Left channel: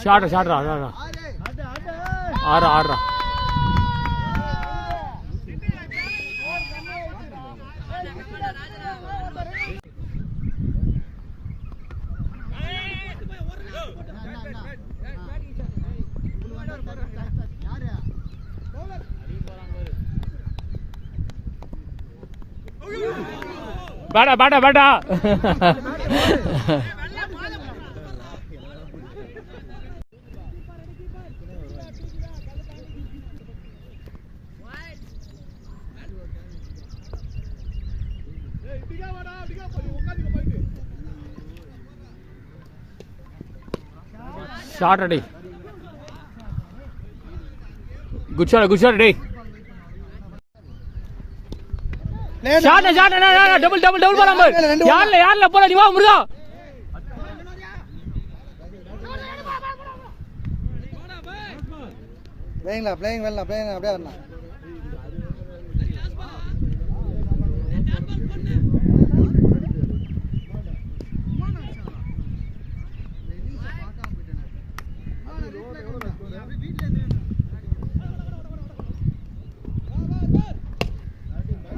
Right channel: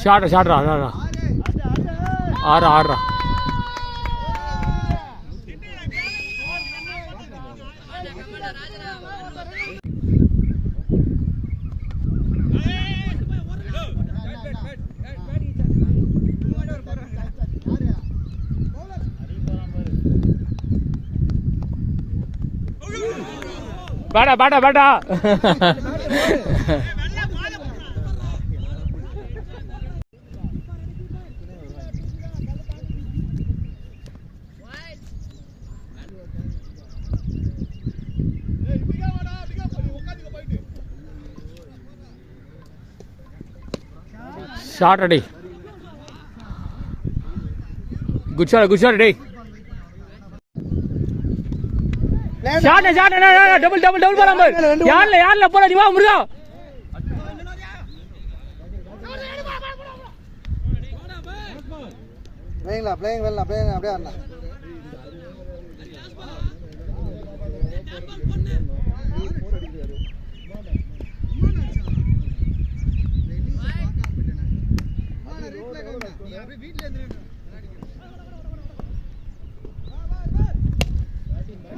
shot ஆறு பேட்டா shot அடி good shot அடி ஷாட் டபுள் போலாம் யார்ல போற நீ வா முருகா பிளேயிங் அப்படியே வரணும்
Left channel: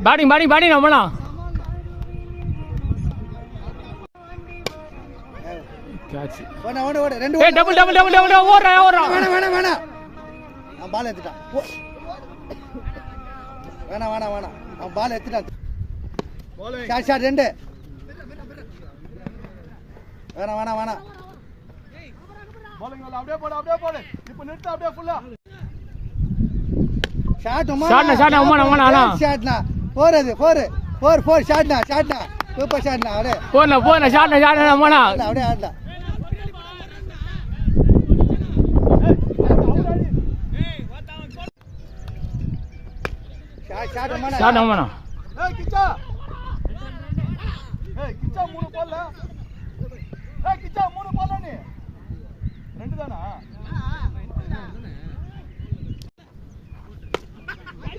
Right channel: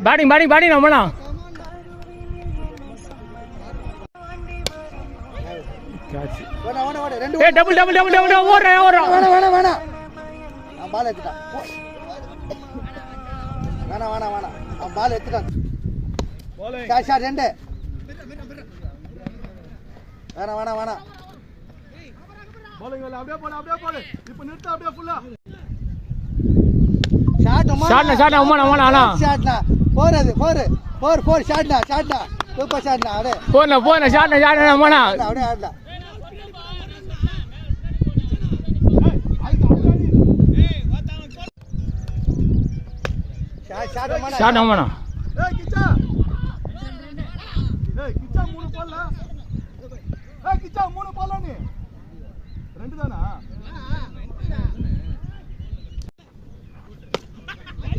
பேட்டிங் நம்மலாம் கேட்ச் டபுள் ஓடுறா வேணாம் பால் எடுத்துட்டான் வேணாம் அவன் பால் எடுத்துட்டான் ஷாட் ரெண்டு வேணாம் அப்படியே போடு இப்போ நிறுத்து அப்படியே ஃபுல்லா ஷாட் அம்மா ஷாட்னா ஃபோர் ஷாட்னா சூப்பர் ஷாட்னா அடே போன ஷாட் அம்மா அப்படியே ஆடல ஷாட் அம்மா கிச்சா மூணு போல நீ ரெண்டு தானா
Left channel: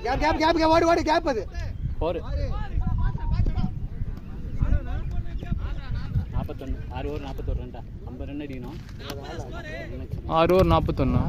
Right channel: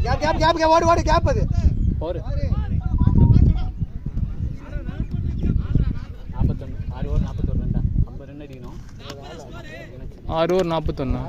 கேப் ஓடு கேப் அது போரு 41 6 ஓவர் 41 ரன் 50 ரன் அடிக்கணும் 6 ஓவர் 41